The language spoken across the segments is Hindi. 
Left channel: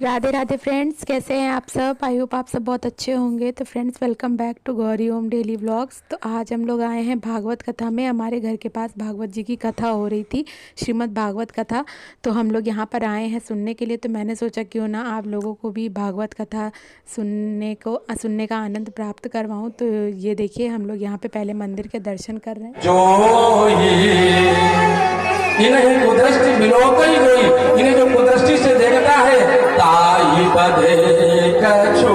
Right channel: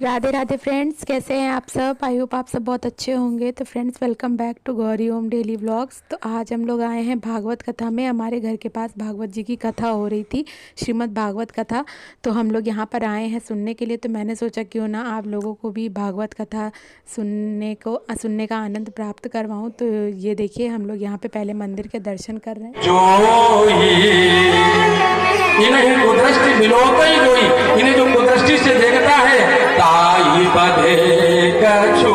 राधे राधे फ्रेंड्स, कैसे हैं आप सब। आई होप आप सब बहुत अच्छे होंगे। तो friends, welcome back to Gauri Om daily vlogs. तो आज हम लोग आए हैं भागवत कथा में। हमारे घर के पास भागवत जी की कथा हो रही थी, श्रीमद् भागवत कथा। तो हम लोग यहाँ पर आए हैं सुनने के लिए। तो मैंने सोचा क्यों ना आप लोगों को भी भागवत कथा सुनने का आनंद प्राप्त करवाऊँ। तो ये देखिए, हम लोग यहाँ पे पहले मंदिर के दर्शन कर रहे हैं। जो इन्हें कुदृष्टि बिलोकई गई, इन्हें जो कुदृष्टि से देखता है ताई बधे कछु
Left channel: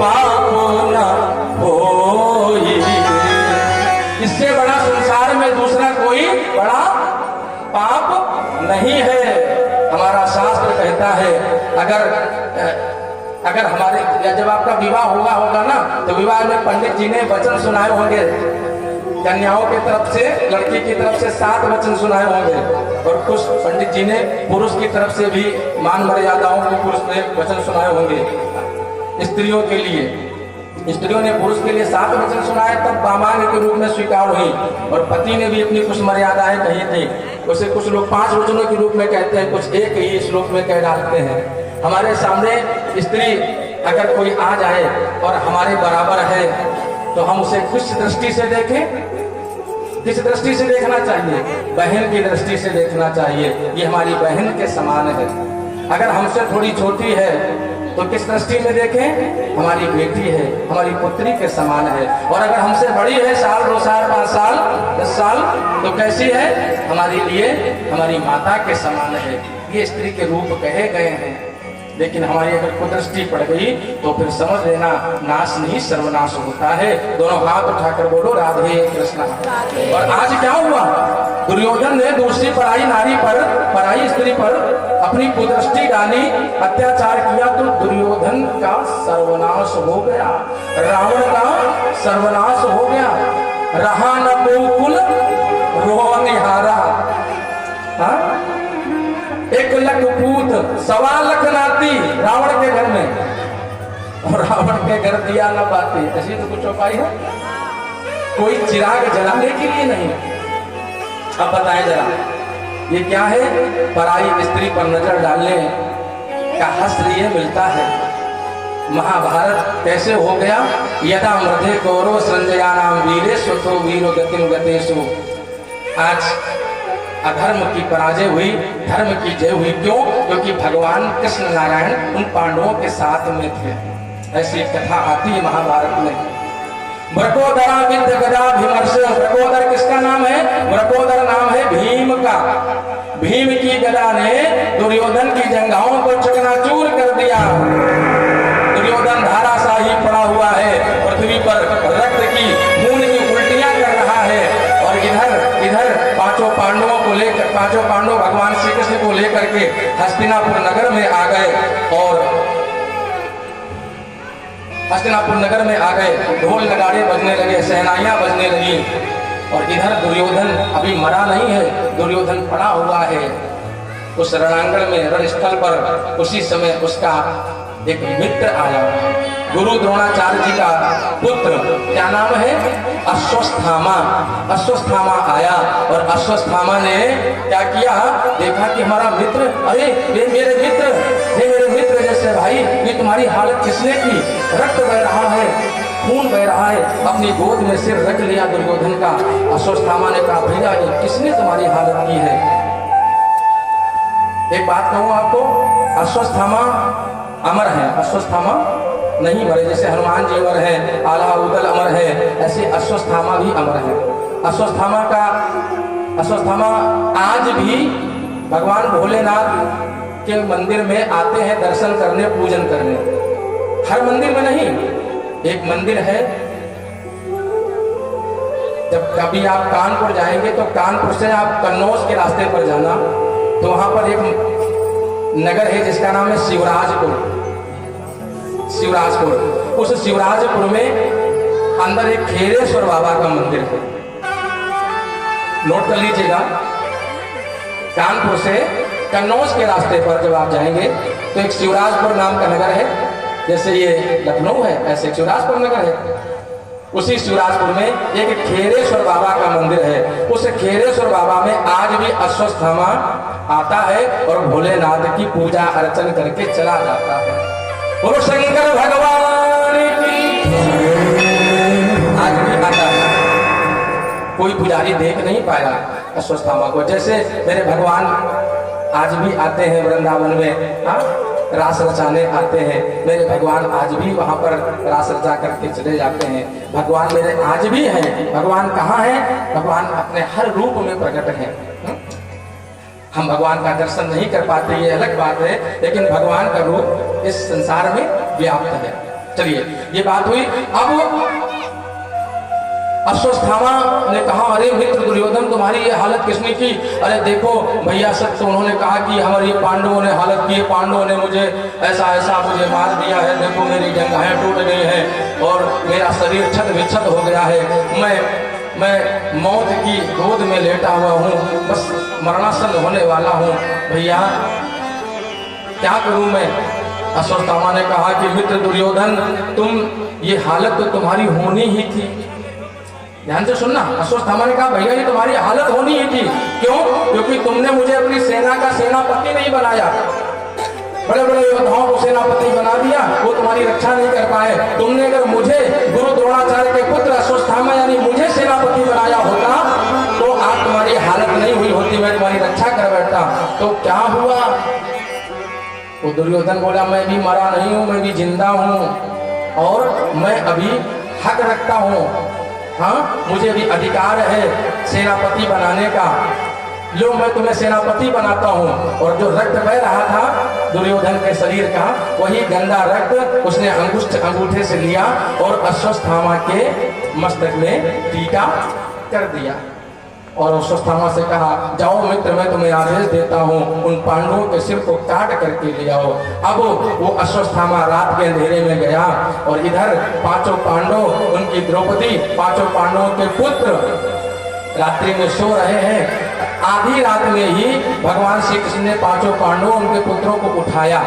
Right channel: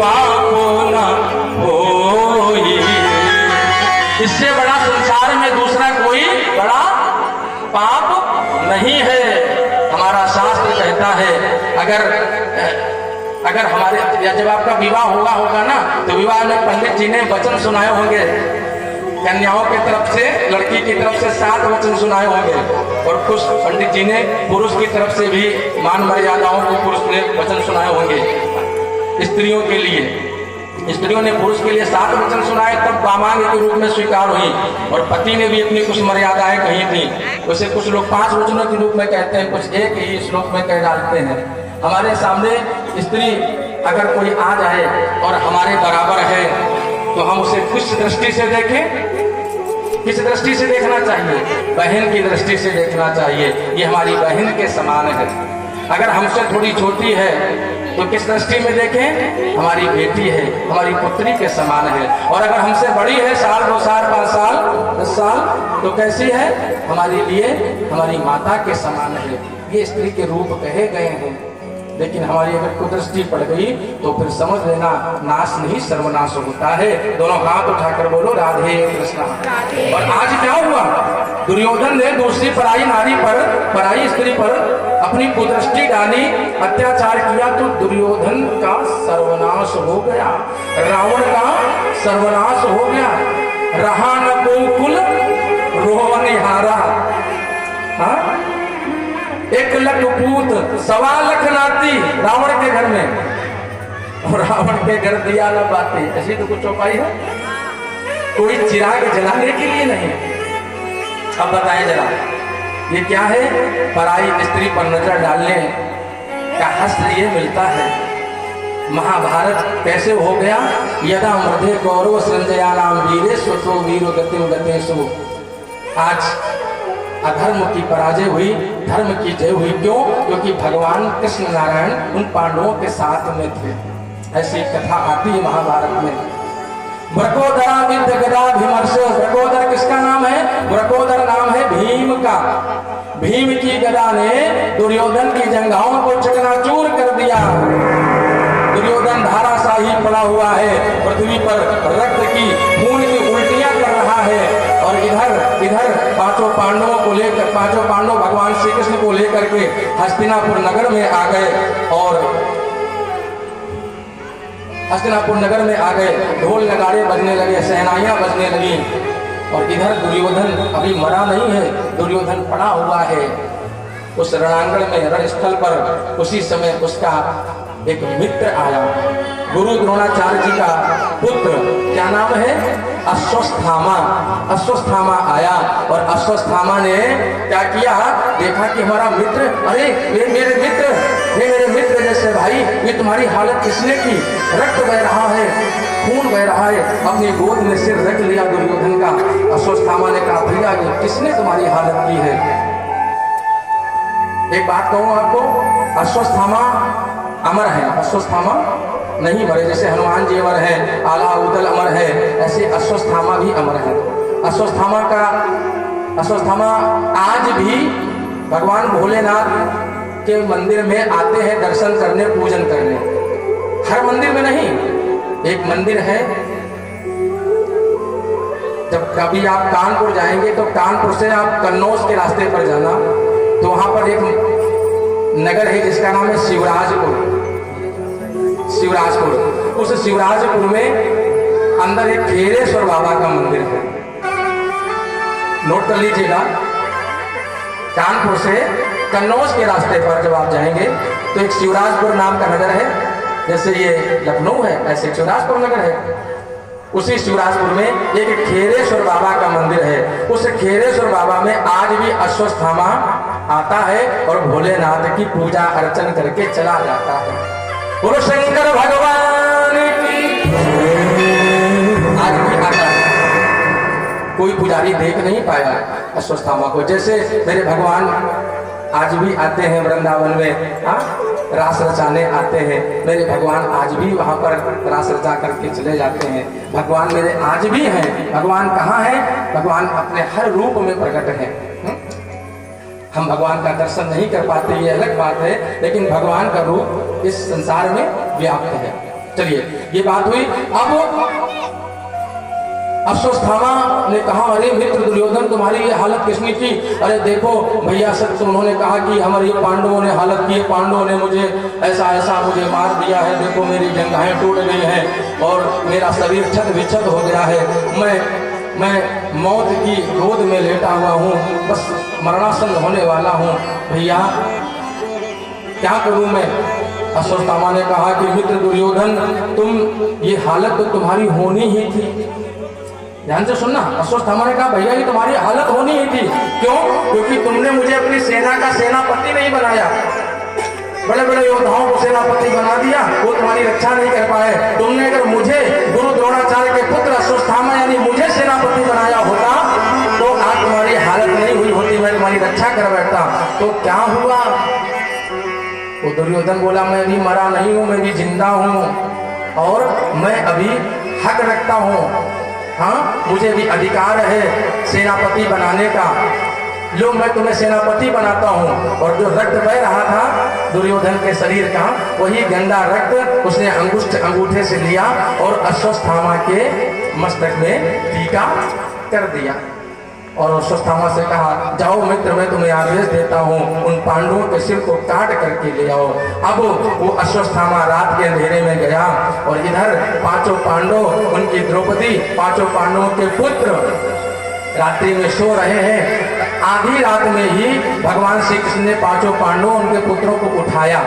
पापो न होई। इससे बड़ा संसार में दूसरा कोई बड़ा पाप नहीं है। हमारा शास्त्र कहता है अगर हमारे या जब आपका विवाह होगा ना, तो विवाह में पंडित जी ने वचन सुनाए होंगे। कन्याओं की तरफ से, लड़की की तरफ से 7 वचन सुनाए होंगे, और कुछ पंडित जी ने पुरुष की तरफ से भी मान मर्यादाओं को पुरुष ने वचन सुनाए होंगे। स्त्रियों के लिए, स्त्रियों ने पुरुष के लिए 7 वचन सुनाए, तब दामांग के रूप में स्वीकार हुई। और पति ने भी अपनी कुछ मर्यादाएं कही थी। वैसे कुछ लोग 5 वचनों के रूप में कहते हैं, कुछ एक ही श्लोक में कह डालते हैं। हमारे सामने स्त्री अगर कोई आ जाए और हमारे बराबर है, तो हम उसे किस दृष्टि से देखें? किस दृष्टि से देखना चाहिए? बहन की दृष्टि से देखना चाहिए। ये हमारी बहन के समान है। अगर हमसे थोड़ी छोटी है तो किस दृष्टि में देखें? हमारी बेटी है, हमारी पुत्री के समान है। और अगर हमसे बड़ी है, 1 साल 2 साल 5 साल 10 साल, तो कैसी है? हमारे लिए हमारी माता के समान है। ये स्त्री के रूप कहे गए हैं। लेकिन हमारी अगर कुदृष्टि पड़ गई तो फिर समझ लेना नाश नहीं सर्वनाश होता है। दोनों हाथ उठाकर बोलो राधे कृष्णा। और आज क्या हुआ? दुर्योधन ने दूसरी पराई नारी पर, पराई स्त्री पर अपनी कुदृष्टि डाली, अत्याचार किया, तो दुर्योधन का सर्वनाश हो गया, रावण का सर्वनाश हो गया। रहा न गोकुल रोह निहारा। 1 लाख पूत 1.25 लाख नाती रावण के घर में, और रावण के घर दिया न बाती। ऐसी तो कुछ चौपाई है? कोई चिराग जलाने के लिए नहीं। अब बताएं जरा, ये क्या है? पराई स्त्री पर नजर डालने का हस्त ये मिलता है। महाभारत कैसे हो गया? यदा मृधे कौरव संजया नाम वीरे स्वतो वीरो गतिम गतेषु। आज अधर्म की पराजय हुई, धर्म की जय हुई। क्यों? क्योंकि भगवान कृष्ण नारायण उन पांडवों के साथ में थे। ऐसी कथा आती है महाभारत में। मृकोदरा विद्ध गदा भीमर्ष। मृकोदर किसका नाम है? मृकोदर नाम है भीम का। भीम की गदा ने दुर्योधन की जंघाओं को चकनाचूर कर दिया। दुर्योधन धाराशाही पड़ा हुआ है, पृथ्वी पर रक्त की, खून की उल्टियां कर रहा है। और इधर पांचों पांडवों को लेकर, 5 पांडव भगवान श्री कृष्ण को लेकर के हस्तिनापुर नगर में आ गए। और हस्तिनापुर नगर में आ गए, ढोल नगाड़े बजने लगे, सहनाइयां बजने लगी। और इधर दुर्योधन अभी मरा नहीं है, दुर्योधन पड़ा हुआ है उस रणांगण में, रणस्थल पर। उसी समय उसका एक मित्र आया, गुरु द्रोणाचार्य जी का पुत्र। क्या नाम है? अश्वत्थामा। अश्वत्थामा आया, और अश्वत्थामा ने क्या किया? देखा कि हमारा मित्र, अरे ये मेरे मित्र जैसे भाई, ये तुम्हारी हालत किसने की? रक्त बह रहा है, खून बह रहा है। अपनी गोद में सिर रख लिया दुर्योधन का। अश्वत्थामा ने कहा, भैया ये किसने तुम्हारी हालत की है? एक बात कहूं आपको, अश्वत्थामा अमर है। अश्वत्थामा नहीं मरे। जैसे हनुमान जी अमर है, आला उदल अमर है, ऐसे अश्वत्थामा भी अमर है। अश्वत्थामा आज भी भगवान भोलेनाथ के मंदिर में आते हैं दर्शन करने, पूजन करने। हर मंदिर में नहीं, एक मंदिर है। जब कभी आप कानपुर जाएंगे तो कानपुर से आप कन्नौज के रास्ते पर जाना, तो वहां पर एक नगर है जिसका नाम है शिवराजपुर। उस शिवराजपुर में अंदर एक खेरेश्वर बाबा का मंदिर है। नोट कर लीजिएगा, कानपुर से कन्नौज के रास्ते पर जब आप जाएंगे तो एक शिवराजपुर नाम का नगर है। जैसे ये लखनऊ है, ऐसे शिवराजपुर नगर है। उसी शिवराजपुर में एक खेरेश्वर बाबा का मंदिर है। उस खेरेश्वर बाबा में आज भी अश्वत्थामा आता है और भोलेनाथ की पूजा अर्चन करके चला जाता है। बोलो शंकर भगवान की। आज भी आता है, कोई पुजारी देख नहीं पाया अश्वत्थामा को। जैसे मेरे भगवान आज भी आते हैं वृंदावन में, हाँ, रास रचाने आते हैं मेरे भगवान, आज भी वहां पर रास रचा करके चले जाते हैं। भगवान मेरे आज भी हैं। भगवान कहाँ हैं? भगवान अपने हर रूप में प्रकट हैं। हम भगवान का दर्शन नहीं कर पाते, ये अलग बात है, लेकिन भगवान का रूप इस संसार में व्याप्त है। चलिए, ये बात हुई। अब अश्वत्थामा ने कहा, अरे मित्र दुर्योधन, तुम्हारी ये हालत किसने की? अरे देखो भैया, सत्य उन्होंने कहा कि हमारे पांडवों ने हालत की है, पांडवों ने मुझे ऐसा ऐसा मुझे मार दिया है, देखो मेरी जंघाएं टूट गई हैं और मेरा शरीर छत विच्छत हो गया है, मैं मौत की गोद में लेटा हुआ हूँ, बस मरणासन होने वाला हूँ, भैया क्या करूँ मैं? अश्वत्थामा ने कहा कि मित्र दुर्योधन, तुम ये हालत तो तुम्हारी होनी ही थी। ध्यान से सुनना, अश्वत्थामा ने कहा भैया ये तुम्हारी हालत होनी ही थी। क्यों? क्योंकि तुमने मुझे अपनी सेना का सेनापति नहीं बनाया, बड़े बड़े योद्धाओं को सेनापति बना दिया, वो तुम्हारी रक्षा नहीं कर पाए। तुमने अगर मुझे गुरु द्रोणाचार्य के पुत्र अश्वत्थामा यानी मुझे सेनापति बनाया होता तो आज तुम्हारी हालत नहीं हुई होती, मैं तुम्हारी रक्षा कर बैठता। तो क्या हुआ? वो दुर्योधन बोला, मैं भी मरा नहीं हूं, मैं भी जिंदा हूं और मैं अभी हक रखता हूं। हाँ, मुझे भी अधिकार है सेनापति बनाने का। लो, मैं तुम्हें सेनापति बनाता हूँ। और जो रक्त बह रहा था दुर्योधन के शरीर का, वही गंदा रक्त उसने अंगूठे से लिया और अश्वत्थामा के मस्तक में टीका कर दिया और अश्वत्थामा से कहा, जाओ मित्र, मैं तुम्हें आदेश देता हूँ, उन पांडवों के सिर को काट करके ले आओ। अब वो अश्वत्थामा रात के अंधेरे में गया और इधर पांचों पांडव, उनकी द्रौपदी, पांचों पांडवों के पुत्र रात्रि में सो रहे हैं। आधी रात में ही भगवान श्री कृष्ण ने पांचों पांडवों, उनके पुत्रों को उठाया।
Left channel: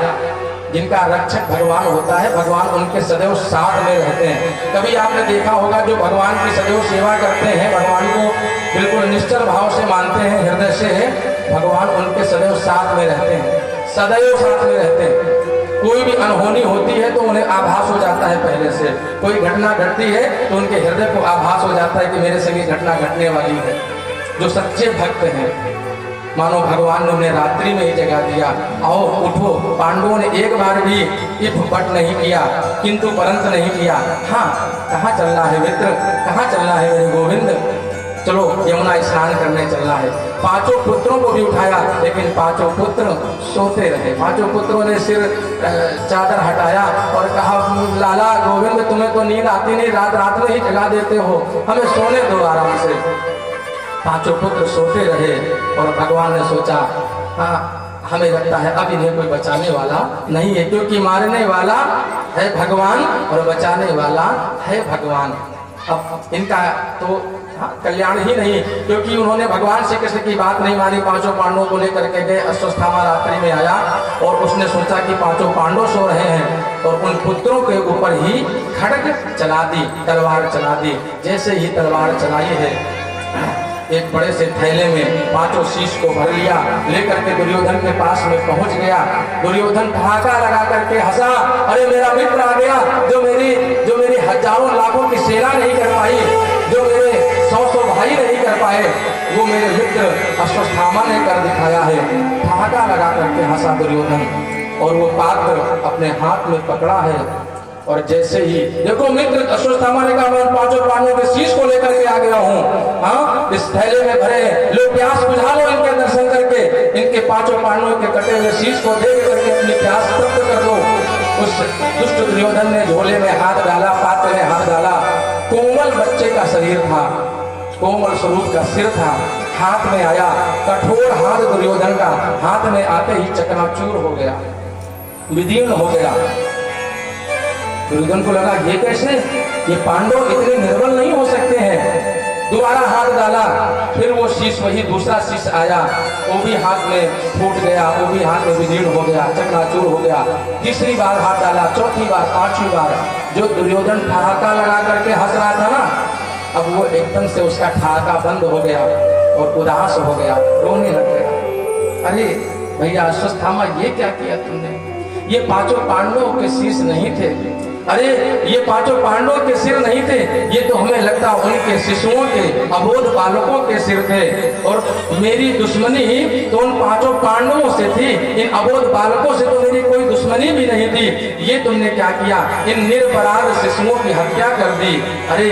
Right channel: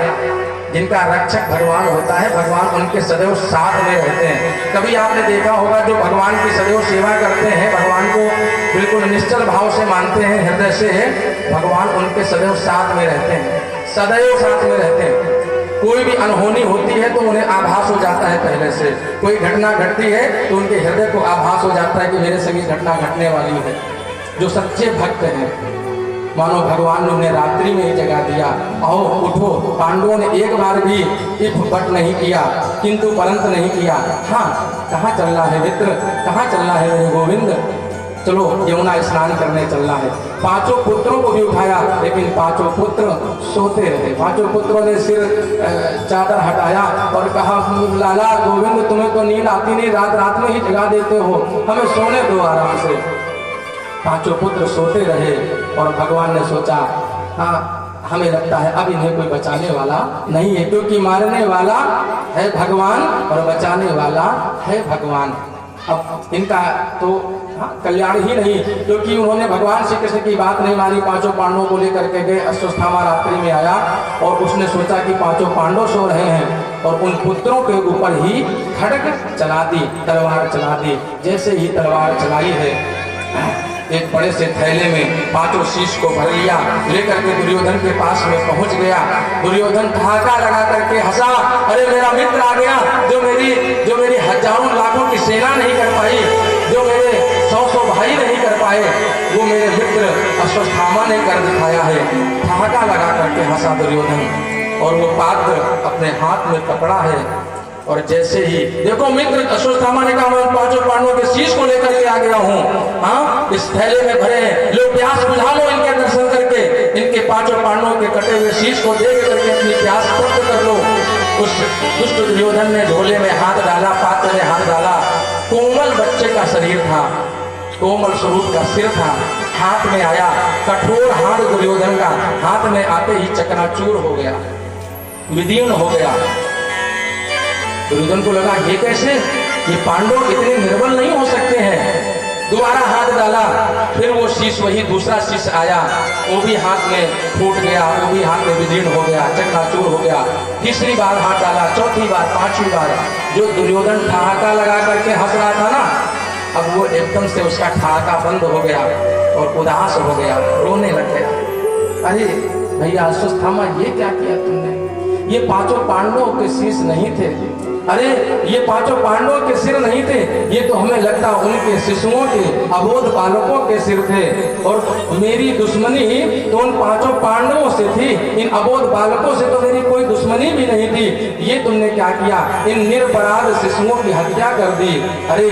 जिनका रक्षक भगवान होता है, भगवान उनके सदैव साथ में रहते हैं। कभी आपने देखा होगा जो भगवान की सदैव सेवा करते हैं, भगवान को बिल्कुल निश्चल भाव से मानते हैं, हृदय से, भगवान उनके सदैव साथ में रहते हैं, सदैव साथ में रहते हैं। कोई भी अनहोनी होती है तो उन्हें आभास हो जाता है पहले से, कोई घटना घटती है तो उनके हृदय को आभास हो जाता है कि मेरे संग घटना घटने वाली है। जो सच्चे भक्त हैं, मानो भगवान ने उन्हें रात्रि में ही जगा दिया, आओ उठो। पांडवों ने एक बार भी इफ पट नहीं किया, किंतु परंत नहीं किया। हाँ, कहाँ चलना है मित्र, कहाँ चलना है मेरे गोविंद? चलो यमुना स्नान करने चलना है। पांचों पुत्रों को भी उठाया, लेकिन पांचों पुत्र सोते रहे। पांचों पुत्रों ने सिर चादर हटाया और कहा, लाला गोविंद, तुम्हें तो नींद आती नहीं, रात रात में ही जगा देते हो, हमें सोने दो आराम से। पांचों पुत्र सोते रहे और भगवान ने सोचा, हाँ, हमें लगता है अब इन्हें कोई बचाने वाला नहीं है, क्योंकि मारने वाला है भगवान और बचाने वाला है भगवान। अब इनका तो कल्याण ही नहीं, क्योंकि उन्होंने भगवान श्री कृष्ण की बात नहीं मानी। पांचों पांडवों को लेकर के गए। अश्वत्थामा रात्रि में आया और उसने सोचा कि पांचों पांडव सो रहे हैं और उन पुत्रों के ऊपर ही खड्ग चला दी, तलवार चला दी। जैसे ही तलवार चलाई है, एक बड़े से थैले में पांचों शीश को भर लिया, लेकर के दुर्योधन के पास में पहुंच गया। दुर्योधन ठहाका लगा करके हंसा, अरे मेरा मित्र आ गया, जो मेरी हजारों लाखों की सेना नहीं कर पाई, जो मेरे 100 भाई नहीं कर पाए, वो मेरे मित्र अश्वत्थामा ने कर दिखाया है। ठहाका लगा करके हंसा दुर्योधन और वो पात्र अपने हाथ में पकड़ा है। और जैसे ही देखो मित्र, अश्वत्थामा ने कहा, मैं पांचों पांडवों के शीश को लेकर के आ गया हूँ। हाँ, इस थैले में भरे हैं, लो प्यास बुझा लो इनके दर्शन करके, इनके पांचों पांडवों के कटे हुए शीश को देख करके अपनी प्यास तृप्त कर लो। उस दुष्ट दुर्योधन ने झोले में हाथ डाला, पात्र में हाथ डाला। कोमल बच्चे का शरीर था, कोमल स्वरूप का सिर था, हाथ में आया, कठोर हाथ दुर्योधन का हाथ में आते ही चकनाचूर हो गया, विदीर्ण हो गया। दुर्योधन को लगा, ये कैसे, ये पांडव इतने निर्बल नहीं हो सकते हैं। दोबारा हाथ डाला, फिर वो शीश, वही दूसरा शीश आया, वो भी हाथ में फूट गया, वो भी हाथ में विदीर्ण हो गया, चकनाचूर हो गया। तीसरी बार हाथ डाला, चौथी बार, पांचवी बार। जो दुर्योधन ठहाका लगा करके हंस रहा था ना, अब वो एकदम से उसका ठहाका बंद हो गया और उदास हो गया, रोने लग गया। अरे भैया अश्वत्थामा, ये क्या किया तुमने? ये पांचों पांडवों के शीश नहीं थे। अरे ये पांचों पांडवों के सिर नहीं थे, ये तो हमें लगता उनके शिशुओं के, अबोध बालकों के सिर थे। और मेरी दुश्मनी तो उन पांचों पांडवों से थी, इन अबोध बालकों से तो मेरी कोई दुश्मनी भी नहीं थी। ये तुमने क्या किया? इन निरपराध शिशुओं की हत्या कर दी। अरे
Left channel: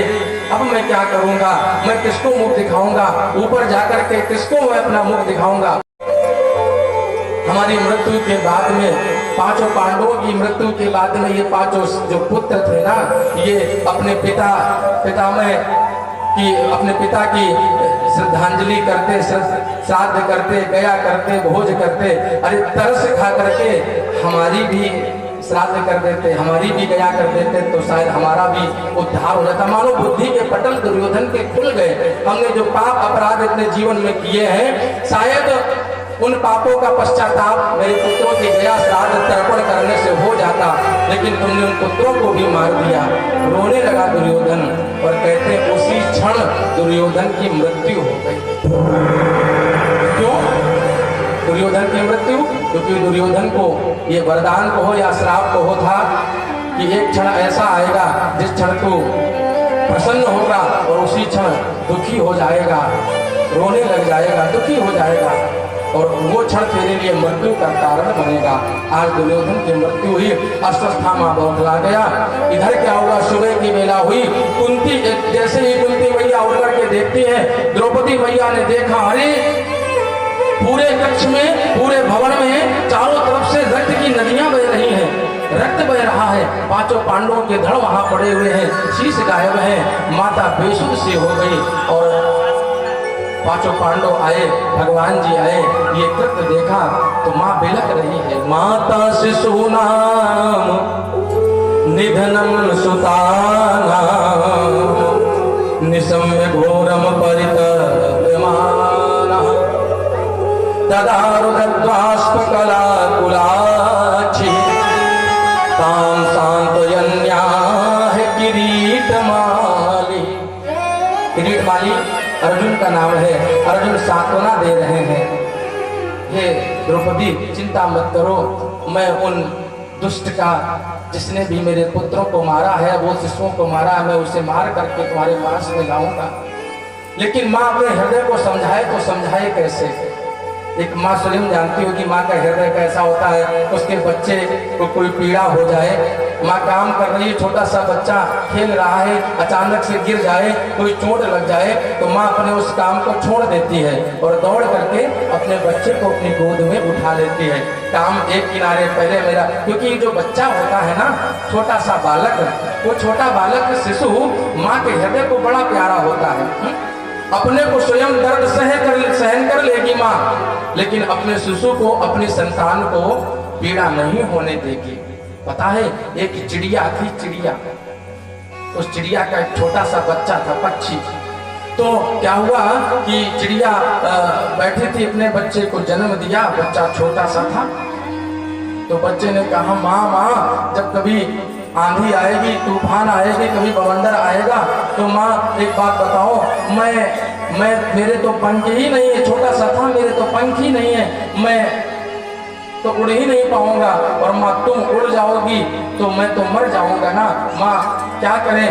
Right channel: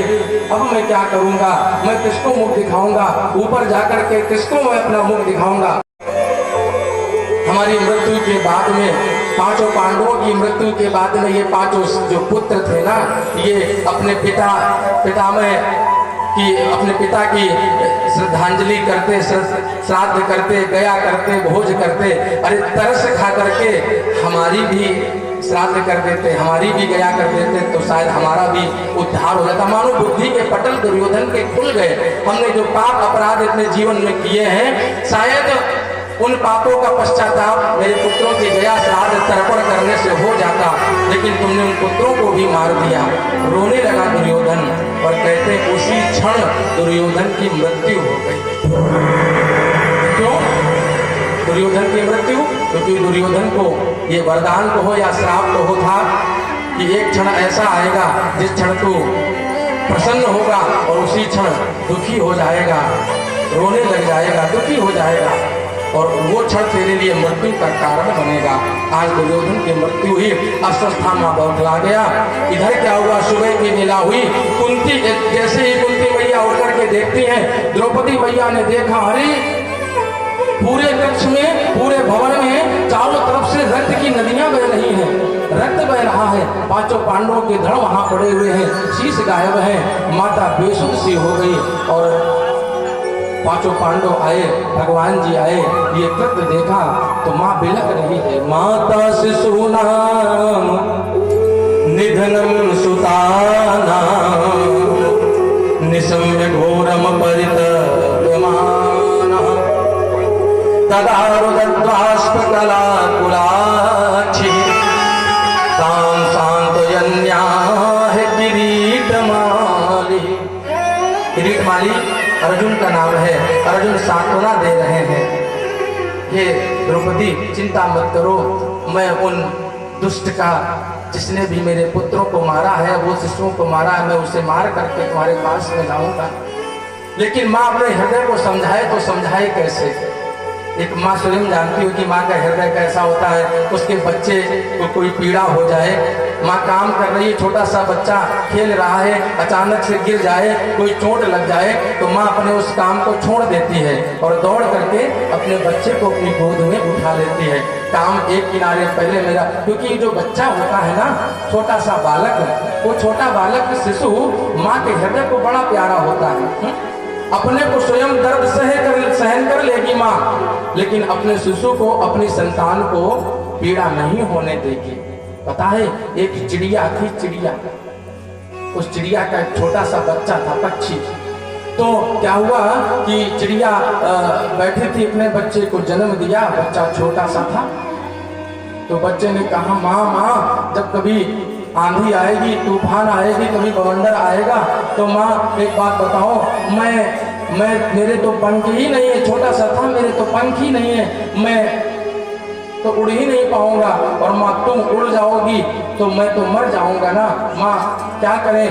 अब मैं क्या करूंगा? मैं किसको मुख दिखाऊंगा? ऊपर जाकर के किसको मैं अपना मुख दिखाऊंगा? हमारी मृत्यु के बाद में, पांचों पांडवों की मृत्यु के बाद में, ये पांचों जो पुत्र थे ना, ये अपने अपने पिता की श्रद्धांजलि करते, श्राद्ध करते, गया करते, भोज करते। अरे तरस खा करके हमारी भी श्राद्ध कर देते, हमारी भी गया कर देते, तो शायद हमारा भी उद्धार हो जाता। मानो बुद्धि के पटल दुर्योधन के खुल गए। हमने जो पाप अपराध अपने जीवन में किए हैं, शायद उन पापों का पश्चाताप मेरे पुत्रों की गया श्राद्ध तर्पण करने से हो जाता, लेकिन तुमने उन पुत्रों को भी मार दिया। रोने लगा दुर्योधन और कहते उसी क्षण दुर्योधन की मृत्यु हो गई। क्यों दुर्योधन की मृत्यु? क्योंकि दुर्योधन को ये वरदान कहो या श्राप कहो था कि एक क्षण ऐसा आएगा जिस क्षण तू प्रसन्न होगा और उसी क्षण दुखी हो जाएगा, रोने लग जाएगा, दुखी हो जाएगा, और वो क्षण तेरे लिए मृत्यु का कारण बनेगा। आज दुर्योधन की मृत्यु हुई, अश्वत्थामा बौखला गया। इधर क्या हुआ? सुबह की बेला हुई, कुंती, जैसे ही कुंती मैया उठ करके देखती है, द्रौपदी मैया ने देखा, अरे पूरे कक्ष में, पूरे भवन में चारों तरफ से रक्त की नदियां बह रही हैं, रक्त बह रहा है, पांचों पांडवों के धड़ वहां पड़े हुए हैं, शीश गायब है। माता बेसुध सी हो गई और पांचों पांडव आए, भगवान जी आए, ये कृत्य देखा तो माँ बिलक रही है। माता शिशु नाम निधनम सुताना निशम्य घोरम परितप्यमानः तदा रुदद्वाष्पकला कुलाक्षी तां सांत्वयन्याः किरीटमाली। किरीटमाली अर्जुन का नाम है। अर्जुन सांत्वना दे रहे हैं, हे द्रौपदी चिंता मत करो, मैं उन दुष्ट का, जिसने भी मेरे पुत्रों को मारा है, वो शिशुओं को मारा है, मैं उसे मार करके तुम्हारे पास में लाऊंगा। लेकिन माँ अपने हृदय को समझाए तो समझाए कैसे? एक माँ स्वयं जानती होगी माँ का हृदय कैसा होता है। उसके बच्चे को कोई पीड़ा हो जाए, माँ काम कर रही है, छोटा सा बच्चा खेल रहा है, अचानक से गिर जाए, कोई चोट लग जाए, तो माँ अपने उस काम को छोड़ देती है और दौड़ करके अपने बच्चे को अपनी गोद में उठा लेती है। काम एक किनारे पहले मेरा, क्योंकि जो बच्चा होता है ना, छोटा सा बालक, वो छोटा बालक शिशु माँ के हृदय को बड़ा प्यारा होता है। अपने को स्वयं दर्द सहन कर लेगी माँ, लेकिन अपने शिशु को, अपनी संतान को पीड़ा नहीं होने देगी। पता है, एक चिड़िया थी, चिड़िया, उस चिड़िया का एक छोटा सा बच्चा था, पक्षी। तो क्या हुआ कि चिड़िया बैठी थी, अपने बच्चे को जन्म दिया, बच्चा छोटा सा था। तो बच्चे ने कहा, माँ जब कभी आंधी आएगी, तूफान आएगी, कभी बवंडर आएगा, तो माँ एक बात बताओ, मैं मेरे तो पंख ही नहीं है, छोटा सा था, मेरे तो पंख ही नहीं है, मैं तो उड़ ही नहीं पाऊंगा, और माँ तुम उड़ जाओगी तो मैं तो मर जाऊंगा ना, माँ क्या करें?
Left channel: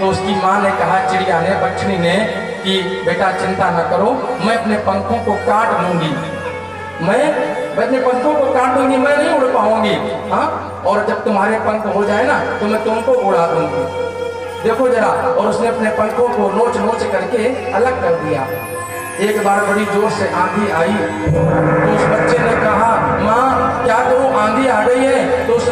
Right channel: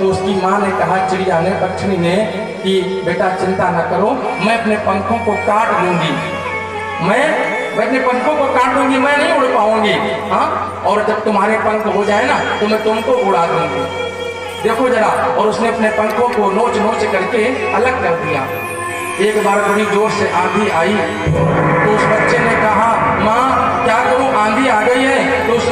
तो उसकी माँ ने कहा, चिड़िया ने, पक्षी ने, कि बेटा चिंता न करो, मैं अपने पंखों को काट दूंगी, मैं अपने पंखों को काट दूंगी, मैं नहीं उड़ पाऊंगी, हाँ, और जब तुम्हारे पंख हो जाए ना तो मैं तुमको उड़ा दूंगी, देखो जरा। और उसने अपने पंखों को नोच करके अलग कर दिया। एक बार बड़ी जोर से आंधी आई, तो उस बच्चे ने कहा, माँ क्या करूं, आंधी आ गई है। तो उस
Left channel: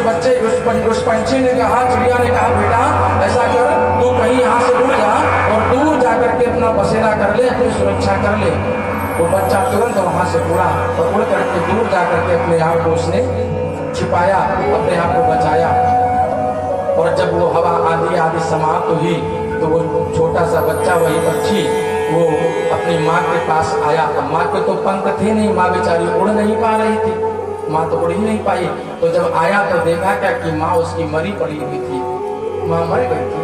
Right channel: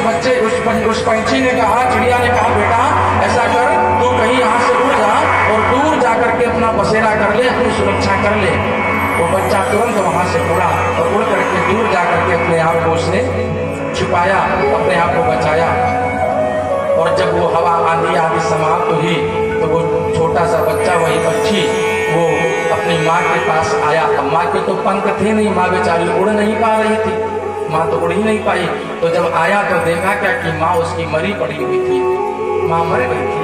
पंछी ने कहा, चिड़िया ने कहा, बेटा ऐसा कर, तू कहीं यहाँ से उड़ जा और दूर जा करके अपना बसेरा कर ले, अपनी सुरक्षा कर ले। वो बच्चा तुरंत वहां से उड़ा और उड़ करके दूर जा करके अपने आप को उसने छुपाया, अपने आप को बचाया। और जब वो हवा, आंधी आदि समाप्त हुई, तो वो छोटा सा बच्चा, वही पक्षी, वो अपनी माँ के पास आया। अब माँ के तो पंख थे नहीं, माँ बेचारी उड़ नहीं पा रही थी, माँ तो उड़ ही नहीं पाई। तो जब आया तो देखा क्या कि माँ उसकी मरी पड़ी हुई थी, माँ मर गई थी।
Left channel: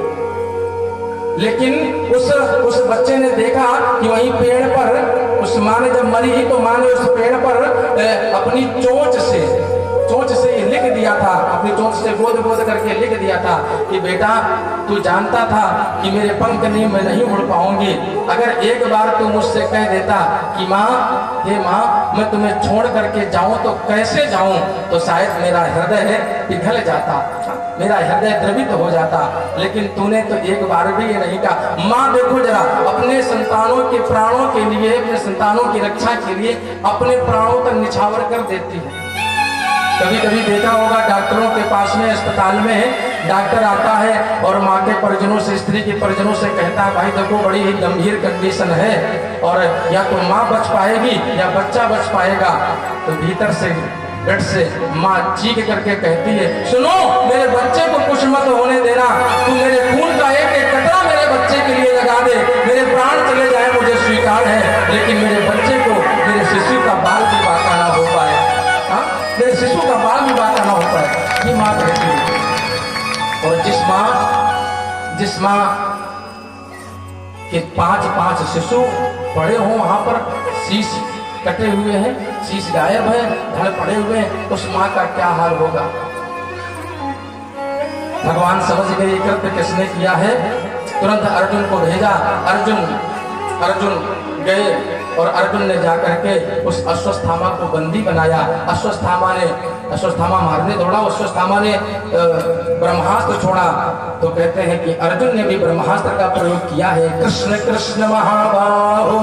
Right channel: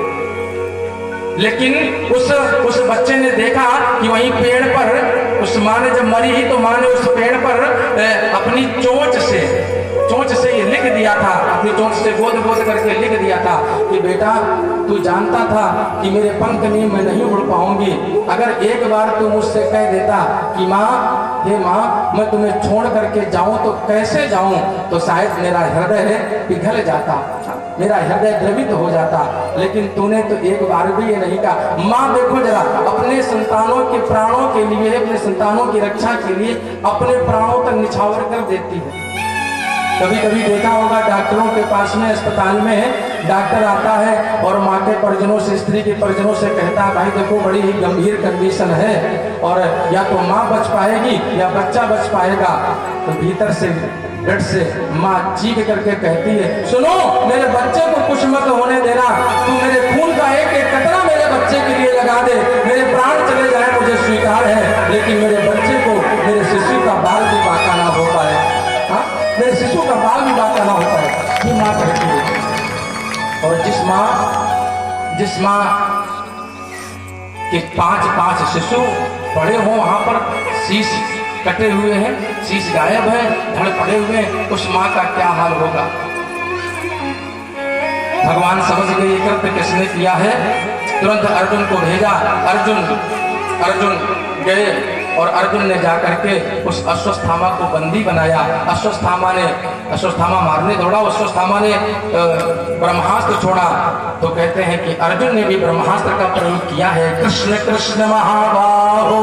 लेकिन उस बच्चे ने देखा कि वहीं पेड़ पर उस माँ ने जब मरी ही तो माँ ने उस पेड़ पर अपनी चोंच से ये लिख दिया था, अपनी चोंच से गोद गोद करके लिख दिया था कि बेटा तू जानता था कि मेरे पंख नहीं, मैं नहीं उड़ पाऊंगी। अगर एक बार तू मुझसे कह देता कि माँ, हे माँ, मैं तुम्हें छोड़ करके जाऊं तो कैसे जाऊं, तो शायद मेरा हृदय पिघल जाता, मेरा हृदय द्रवित हो जाता। लेकिन तूने तो एक बार भी ये नहीं कहा। माँ देखो जरा, अपने संतानों के प्राणों के लिए, अपने संतानों की रक्षा के लिए अपने प्राणों तक निछावर कर देती है। कभी कभी देखा होगा डॉक्टरों के पास में, अस्पताल में डॉक्टर आता है और माँ के परिजनों से, स्त्री के परिजनों से कहता है भाई देखो बड़ी ही गंभीर कंडीशन है और या तो माँ बच पाएगी या बच्चा बच पाएगा। तो भीतर से डट से माँ चीख करके कहती है, सुनो, मेरे बच्चे को कुछ मत होने देना, तू मेरे खून का एक एक कतरा मेरे बच्चे के लिए लगा दे, मेरे प्राण चले जाए मुझे स्वीकार है, लेकिन मेरे बच्चे को, मेरे शिशु का बाल भी बाका ना हो पाए। हाँ, मेरे शिशु का बाल भी बाका ना हो पाए, ये माँ कहती है। और जिस माँ के पांच शिशु पड़े हों वहां पर, शीश कटे हुए हैं, शीश गायब है, धड़ पड़े हुए हैं, उस माँ का क्या हाल होगा। भगवान समझ गए ये कृत्य किसने किया है, तुरंत अर्जुन को भेजा। अर्जुन गए और अर्जुन ने जाकर के उस अश्वत्थामा को बंदी बनाया। अश्वत्थामा मारने दौड़ा, अश्वत्थामा ने ब्रह्मास्त्र छोड़ा। तो कहते हैं कि अर्जुन ने भी ब्रह्मास्त्र का प्रयोग किया है। कृष्ण कृष्ण महाबाहो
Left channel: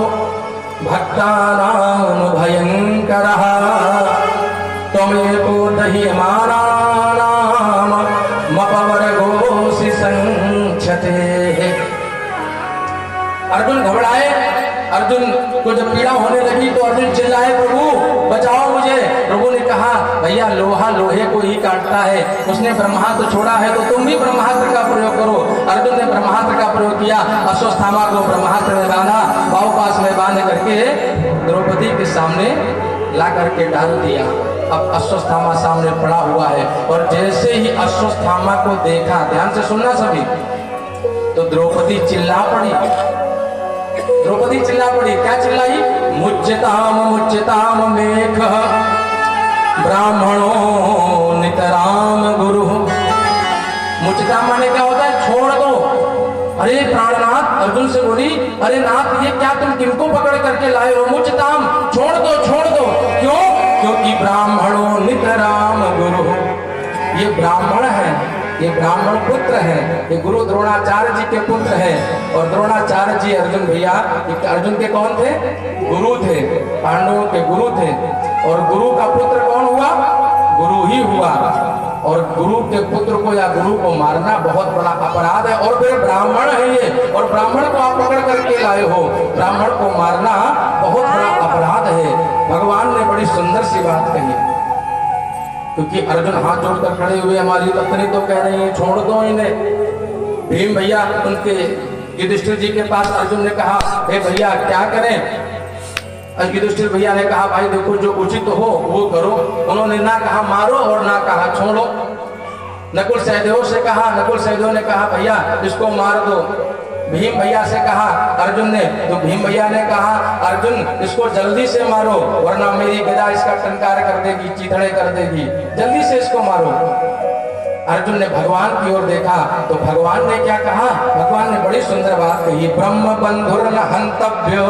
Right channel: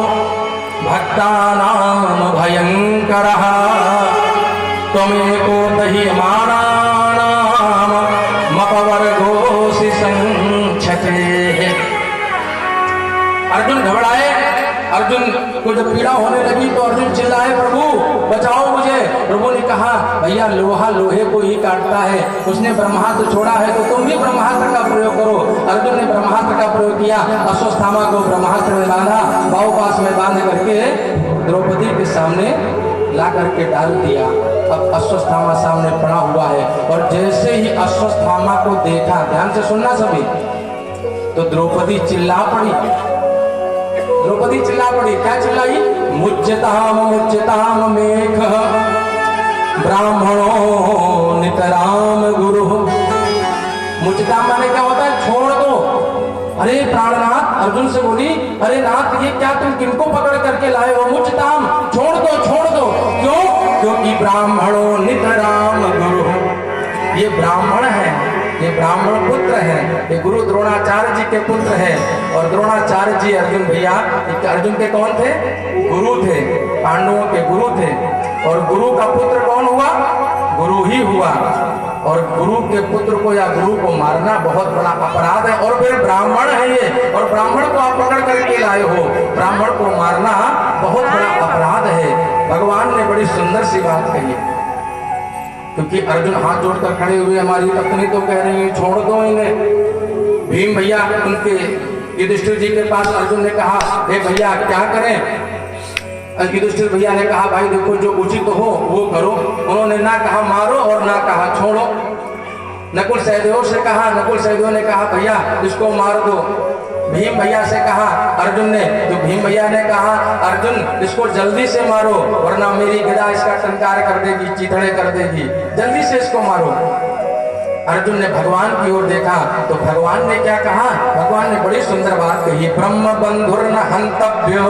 भक्तानां भयंकरः त्वमेको दह्यमानानां मपवर्गोऽसि संक्षते। अर्जुन घबराए। अर्जुन को जब पीड़ा होने लगी तो अर्जुन चिल्लाए, प्रभु बचाओ मुझे। प्रभु ने कहा, भैया लोहा लोहे को ही काटता है, उसने ब्रह्मास्त्र छोड़ा है तो तुम भी ब्रह्मास्त्र का प्रयोग करो। अर्जुन ने ब्रह्मास्त्र का प्रयोग किया, अश्वत्थामा को ब्रह्मास्त्र में बांधा, बाहुपाश में बांध करके द्रौपदी के सामने ला करके डाल दिया। अब अश्वत्थामा सामने पड़ा हुआ है और जैसे ही अश्वत्थामा को देखा, ध्यान से सुनना सभी, तो द्रौपदी चिल्ला पड़ी। क्या चिल्लाई? मुच्यताम मेघ ब्राह्मणो नितराम गुरु। मुच्यताम माने क्या होता है? छोड़ दो। अरे प्राणनाथ, अर्जुन से बोली, अरे नाथ ये क्या तुम किनको पकड़ करके लाए हो? मुच्यताम, छोड़ दो। क्यों? क्योंकि ब्राह्मणो नितराम गुरु, ये ब्राह्मण है, ये ब्राह्मण पुत्र है, ये गुरु द्रोणाचार्य जी के पुत्र हैं। और द्रोणाचार्य जी अर्जुन भैया, अर्जुन के कौन थे? गुरु थे, पांडवों के गुरु थे। और गुरु का पुत्र कौन हुआ? गुरु ही हुआ। और गुरु के पुत्र को या गुरु को मारना बहुत बड़ा अपराध है। और फिर ब्राह्मण है ये, और ब्राह्मण को आप पकड़ करके लाए हो, ब्राह्मण को मारना बहुत बड़ा अपराध है। भगवान ने बड़ी सुंदर सी बात कही है, क्योंकि अर्जुन हाथ जोड़कर खड़े हुए, हमारी पत्नी तो कह रही है छोड़ दो इन्हें। भीम भैया उनके युधिष्ठिर जी के पास अर्जुन ने कहा, हे भैया क्या करें? युधिष्ठिर भैया ने कहा, भाई देखो जो उचित हो वो करो। उन्होंने ना कहा मारो और ना कहा छोड़ो। नकुल सहदेव ने कहा भैया इसको मार दो। भीम भैया से कहा अर्जुन ने, तो भीम भैया ने कहा अर्जुन इसको जल्दी से मारो वरना मेरी गदा इसका टंकार कर देगी, चिथड़े कर देगी, जल्दी से इसको मारो। अर्जुन ने भगवान की ओर देखा तो भगवान ने क्या कहा? भगवान ने बड़ी सुंदर बात कही, ब्रह्म बंधुर्न हंतव्यो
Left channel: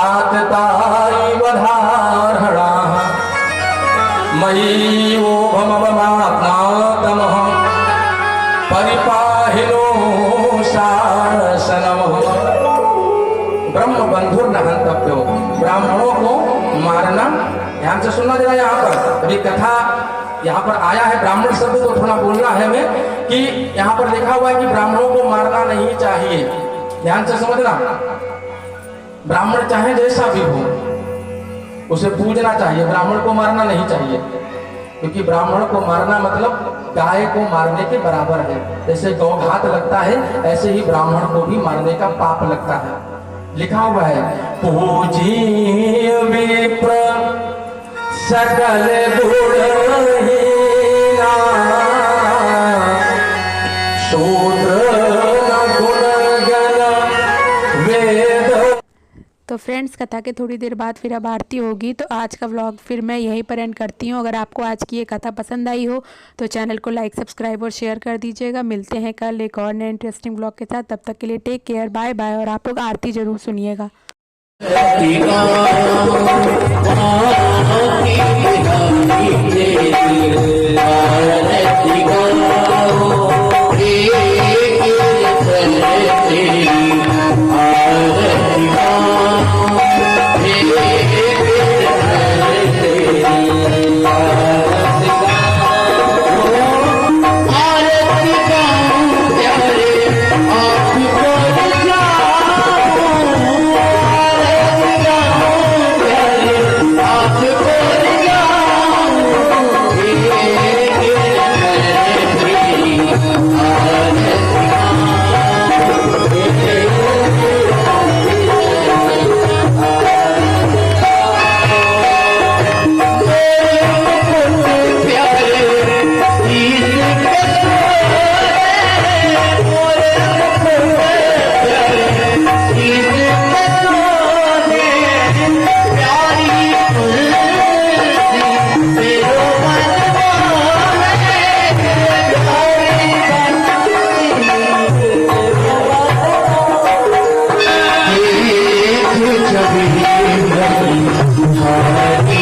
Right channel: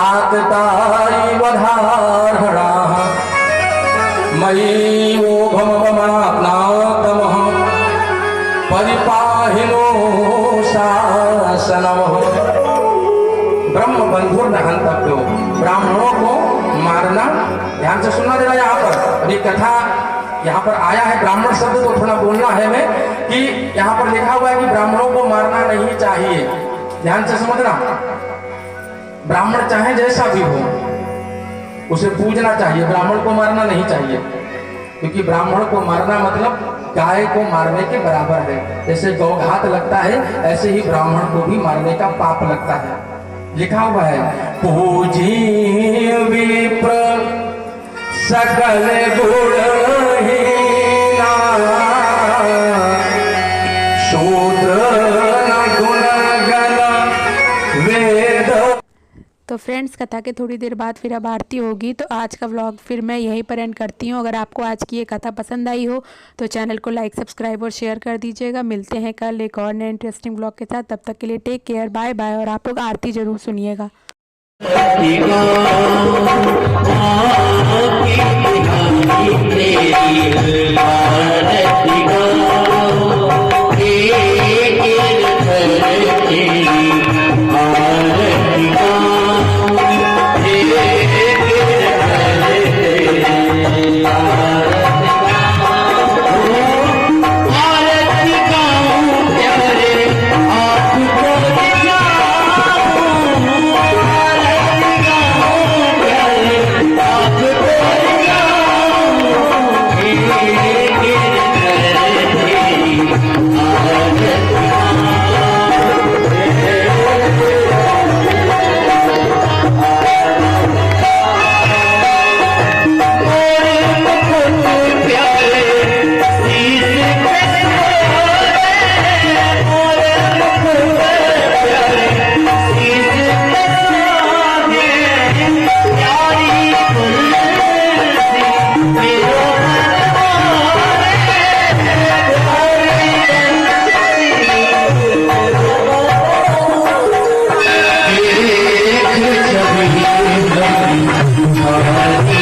आतताई वधारणा मयि ओभमवनात्नातमः परिपाहिनो शासनम। ब्रह्म बंधुर न हंतव्यो, ब्राह्मणों को मारना, ध्यान से सुनना जरा। यहाँ पर अभी कथा यहाँ पर आया है, ब्राह्मण शब्द तो थोड़ा बोलना है मैं, कि यहाँ पर लिखा हुआ है कि ब्राह्मणों को मारना नहीं चाहिए। ध्यान से समझना, ब्राह्मण चाहे जैसा भी हो उसे पूजना चाहिए, ब्राह्मण को मारना नहीं चाहिए। क्योंकि ब्राह्मण को मारना मतलब गाय को मारने के बराबर है। जैसे गौघात लगता है ऐसे ही ब्राह्मण को भी मारने का पाप लगता है। लिखा हुआ है, पूजी विप्र सकल गुणहीना शूद्र गुण गण वेद। फ्रेंड्स कथा के थोड़ी देर बाद फिर अब आरती होगी, तो आज का व्लॉग फिर मैं यहीं पर एंड करती हूँ। अगर आपको आज की ये कथा पसंद आई हो तो चैनल को लाइक सब्सक्राइब और शेयर कर दीजिएगा। मिलते हैं कल एक और नए इंटरेस्टिंग व्लॉग के साथ। तब तक के लिए टेक केयर, बाय बाय। और आप लोग आरती ज़रूर सुनिएगा। छवि